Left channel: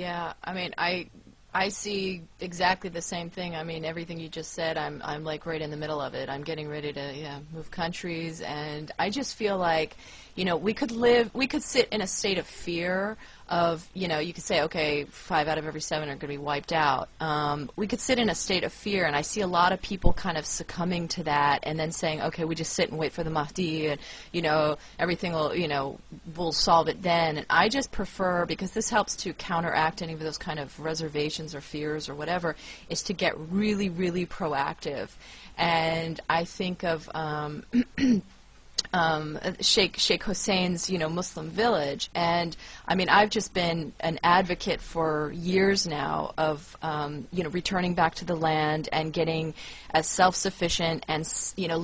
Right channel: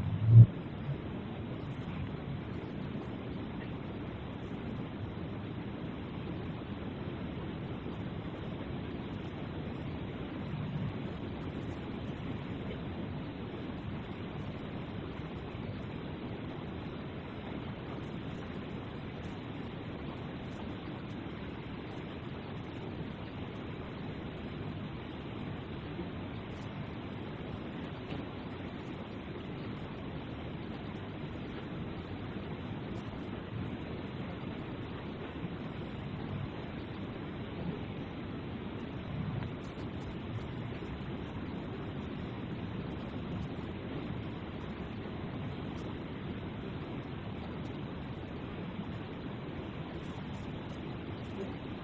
Yeah, I mean, I see exactly the same thing. I mean, everything you just said, I'm like right in the middle of it. I'm getting ready to move countries, and I just feel like, we could sit in a state of fear of, you could say, okay, 5 out of every 7 are going to be wiped out. We could sit in a state of fear, and I see a lot of people kind of succumbing to that and then saying, okay, we just sit and wait for the Mahdi, and, everything will, we'll solve it then. And I just prefer, because this helps to counteract any of those kind of reservations or fears or whatever, is to get really, really proactive. And I think of Sheikh Hussein's, Muslim village, and I mean, I've just been an advocate for years now of, returning back to the land and getting as self-sufficient and,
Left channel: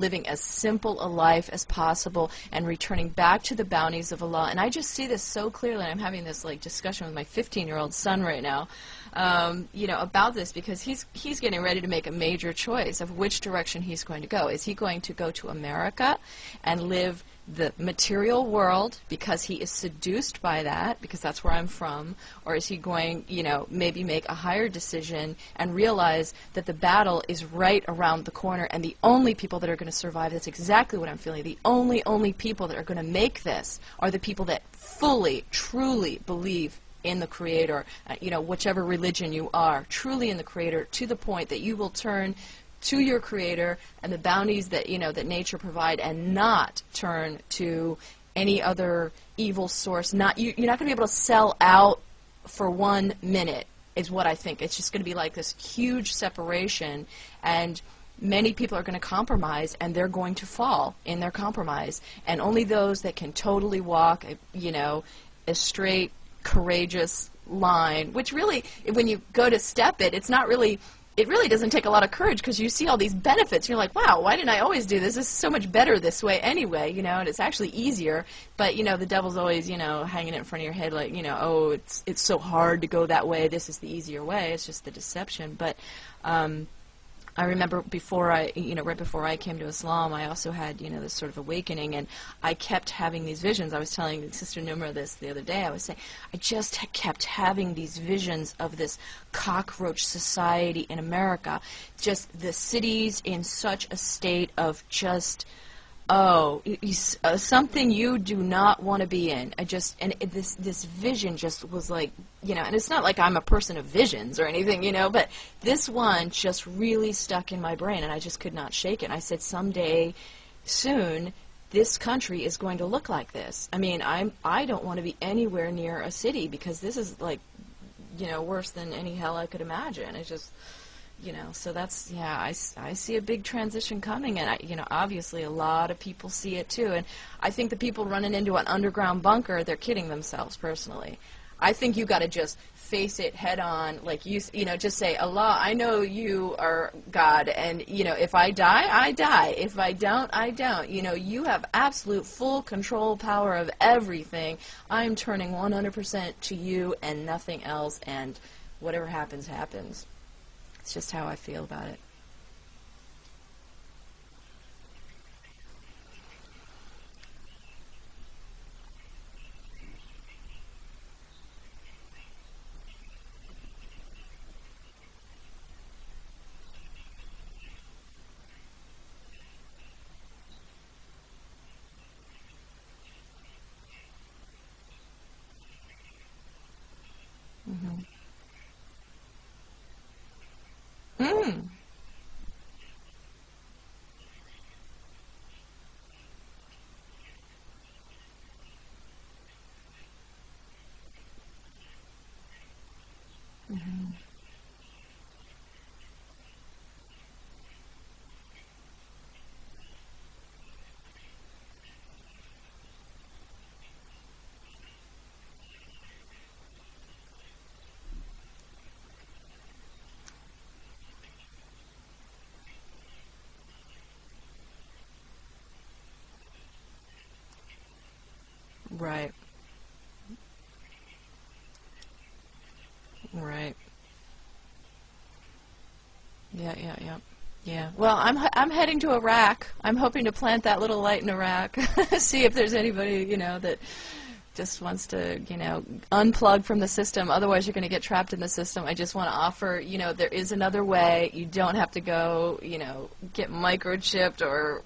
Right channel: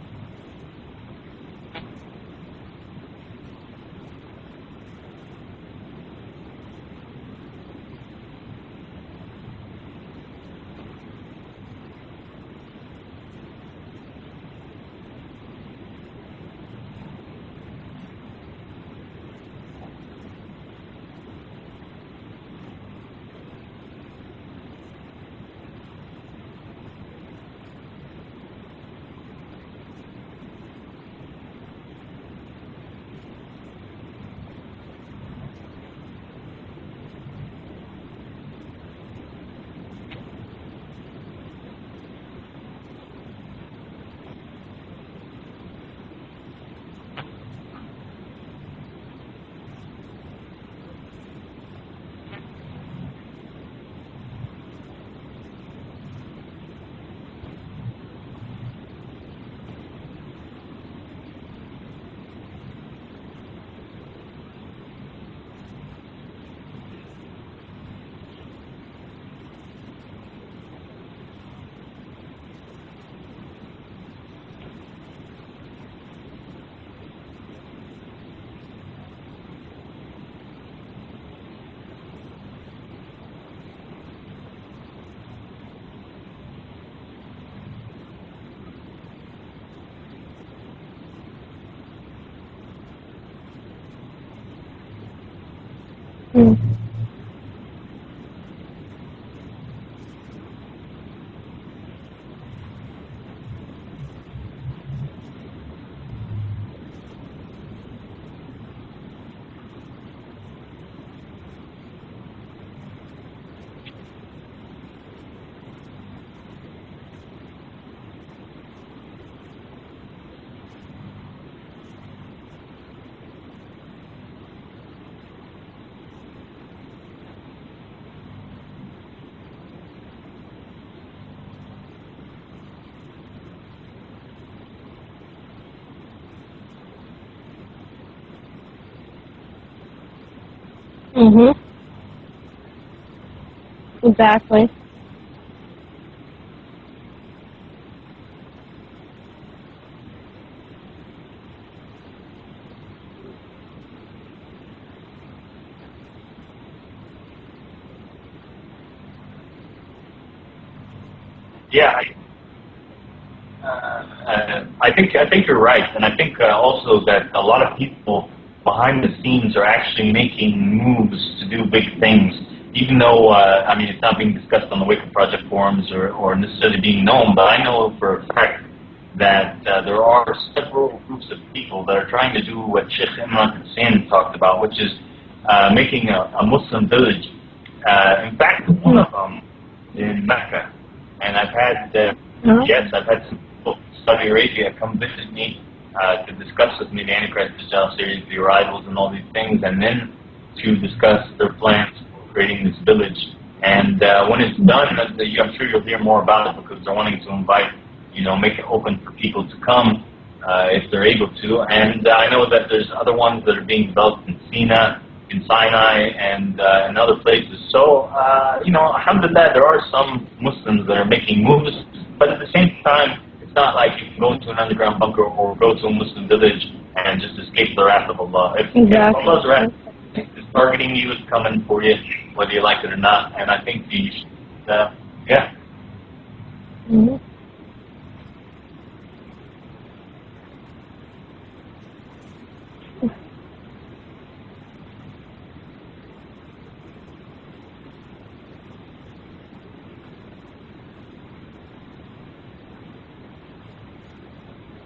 living as simple a life as possible and returning back to the bounties of Allah. And I just see this so clearly. I'm having this discussion with my 15-year-old son right now. About this, because he's getting ready to make a major choice of which direction he's going to go. Is he going to go to America and live the material world because he is seduced by that, because that's where I'm from, or is he going, maybe make a higher decision and realize that the battle is right around the corner, and the only people that are going to survive, that's exactly what I'm feeling, the only people that are going to make this are the people that fully, truly believe in the Creator, whichever religion you are, truly in the Creator, to the point that you will turn to your Creator and the bounties that, that nature provide, and not turn to any other evil source. You're not going to be able to sell out for 1 minute, is what I think. It's just going to be like this huge separation, and many people are going to compromise, and they're going to fall in their compromise. And only those that can totally walk, a straight, courageous line, which really, when you go to step it, it really doesn't take a lot of courage, because you see all these benefits. You're like, wow, why didn't I always do this? This is so much better this way anyway, and it's actually easier. But, the devil's always, hanging it in front of your head like, oh, it's so hard to go that way. This is the easier way. It's just the deception. But I remember right before I came to Islam, I also had, this sort of awakening, and I kept having these visions. I was telling Sister Numra this the other day. I was saying, I just kept having these visions of this cockroach society in America. Just the cities in such a state of just, something you do not want to be in. This vision just was like, and it's not like I'm a person of visions or anything, but this one just really stuck in my brain, and I just could not shake it. I said, someday, soon, this country is going to look like this. I mean, I don't want to be anywhere near a city, because this is like, worse than any hell I could imagine. It's just, so that's, I see a big transition coming, and obviously a lot of people see it too. And I think the people running into an underground bunker, they're kidding themselves, personally. I think you got to just face it head on. Exactly. Just say, Allah, I know you are God, and if I die, I die. If I don't, I don't. You have absolute full control power of everything. I'm turning 100% to you and nothing else, and whatever happens, happens. It's just how I feel. Yeah, I think you're right, and I think also that a lot of people behind the scenes are actually making moves to do big things, even though it's not being discussed on the Wake Up Project forums or necessarily being known. But I know for a fact that there are several groups of people that are trying to do what Sheikh Imran Hussein talked about, which is making a Muslim village. In fact, one of them in Mecca. And I've had, I've had some people from Saudi Arabia come visit me to discuss with me the Antichrist, Dajjal series, the arrivals, and all these things, and then to discuss their plans for creating this village. And when it's done, I'm sure you'll hear more about it, because they're wanting to invite, make it open for people to come if they're able to. And I know that there's other ones that are being developed in Sinai, and in other places. So, alhamdulillah, there are some Muslims that are making moves, but at the same time, it's not like you can go into an underground bunker or go to a Muslim village and just escape the wrath of Allah. If Allah's wrath is targeting you, it's coming for you, whether you like it or not. And I think Yeah. Well, I'm heading to Iraq. I'm hoping to plant that little light in Iraq. See if there's anybody, just wants to, unplug from the system. Otherwise, you're going to get trapped in the system. I just want to offer, there is another way. You don't have to go, get microchipped or,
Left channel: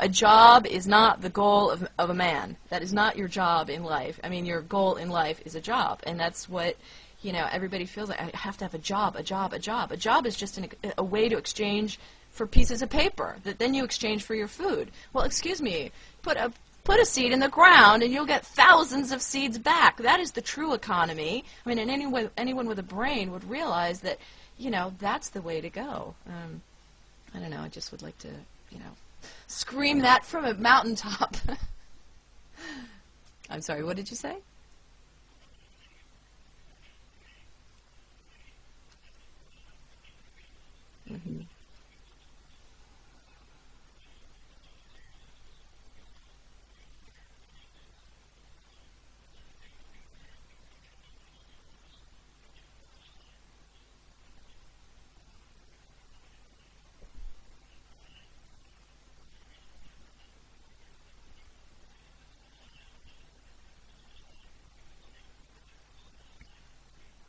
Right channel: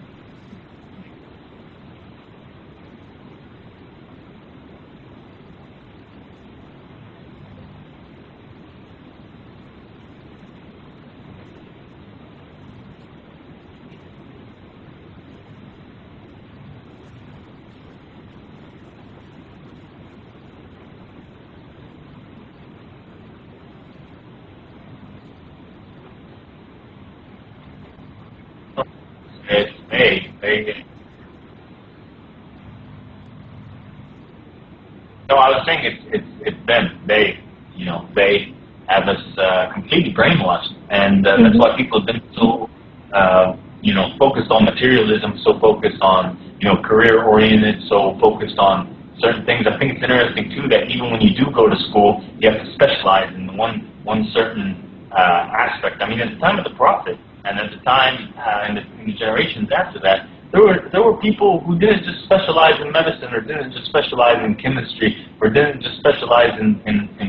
a job is not the goal of a man. That is not your job in life. I mean, your goal in life is a job, and that's what, everybody feels like. I have to have a job, a job, a job. A job is just a way to exchange for pieces of paper that then you exchange for your food. Well, excuse me, put a seed in the ground and you'll get thousands of seeds back. That is the true economy. I mean, and anyone with a brain would realize that, that's the way to go. I don't know, I just would like to scream that from a mountaintop. I'm sorry, what did you say? No, I was saying it's them. They have us completely brainwashed, and that's why people have been so, focused on materialism, so focused on, career-oriented, so focused on certain things. I think it's interesting, too, that even when you do go to school, you have to specialize in one certain aspect. I mean, at the time of the Prophet, and at the time in the generations after that, there were people who didn't just specialize in medicine, or didn't just specialize in chemistry, or didn't just specialize in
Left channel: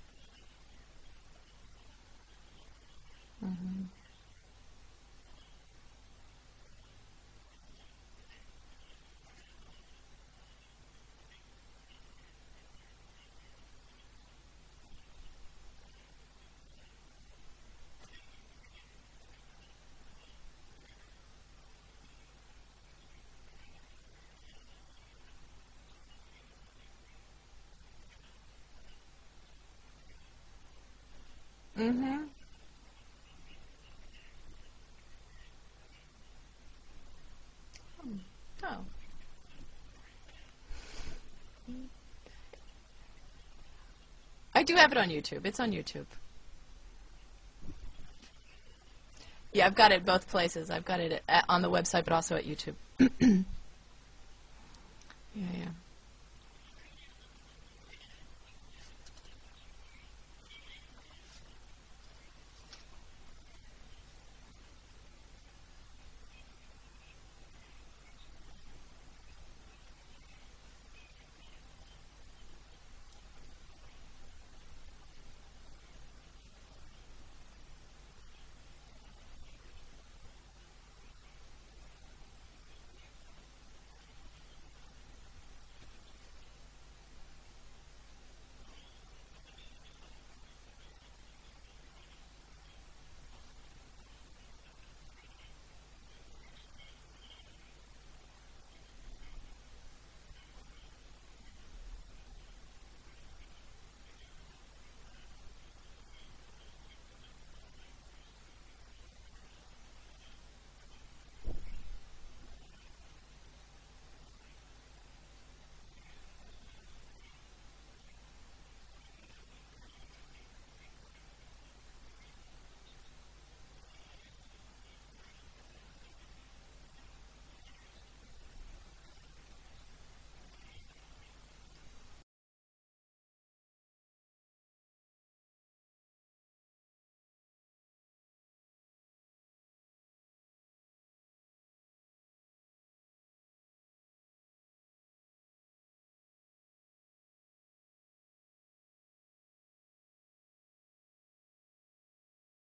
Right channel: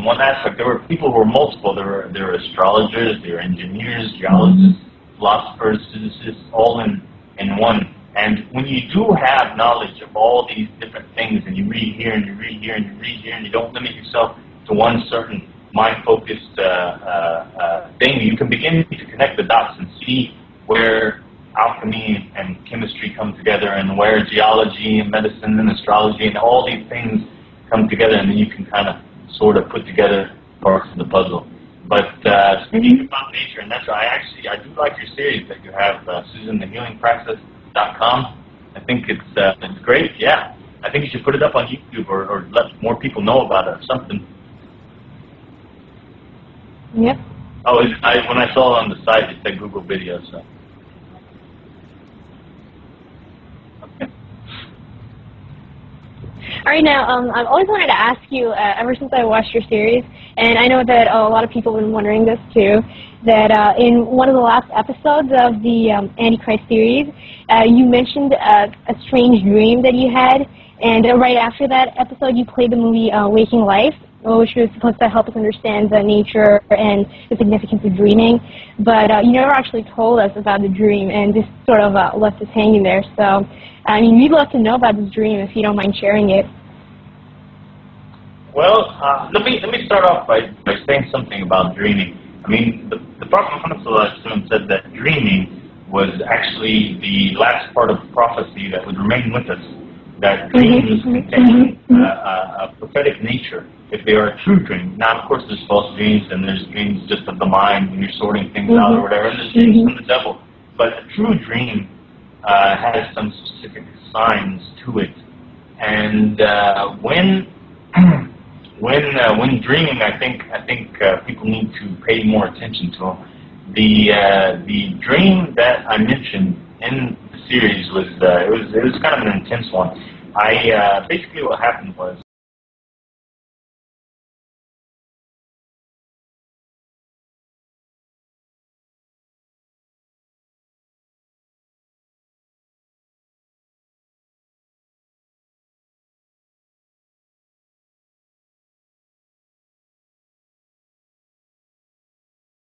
one aspect. There were people who were multiple. There were astrologers, there were engineers, geologists, philosophers, physicists, all in one. And when you do have knowledge of all these different things, and you read here, and you read here, and you read here, and you don't limit yourself to one certain mind-focused thing, you can begin to connect the dots and see where alchemy and chemistry come together, and where geology and medicine and astrology and all these things come together, and then you can kind of sort of put together parts of the puzzle. But speaking about nature and natural, I do like your series that you have, SusanTheHealingPractice.com. I think it's great. Yeah, I think you should put it up on YouTube, or let more people know about it or something. I do have it on YouTube. It's on YouTube. Yep. Oh, when I saw it on the site, it said yeah, I've Google got it Video, both places. I've got it on the website, but also at YouTube. Okay. All right, now, I've always wanted to ask you, ever since I watched your series, and I know that a lot of people have been wondering this too, that in one of the last episodes of the Antichrist series, you mentioned a strange dream that you had, and right after that episode, you played the movie Waking Life, which was supposed to help us understand the nature and the significance of dreaming. But you never actually told us about the dream, and just sort of left us hanging there. So, I mean, we'd love to know about this dream if you don't mind sharing it. Well, let me start off by saying something about dreaming. I mean, the Prophet Muhammad said that dreaming was actually the last part of prophecy that would remain with us. That dreams contain a prophetic nature, if they are a true dream. Now, of course, there's false dreams, and there's dreams just of the mind when you're sorting things out or whatever, and there's dreams from the devil. But a true dream has some specific signs to it. And when dreaming, I think people need to pay more attention to them. The dream that I mentioned in the series was it was kind of an intense one. Basically what happened was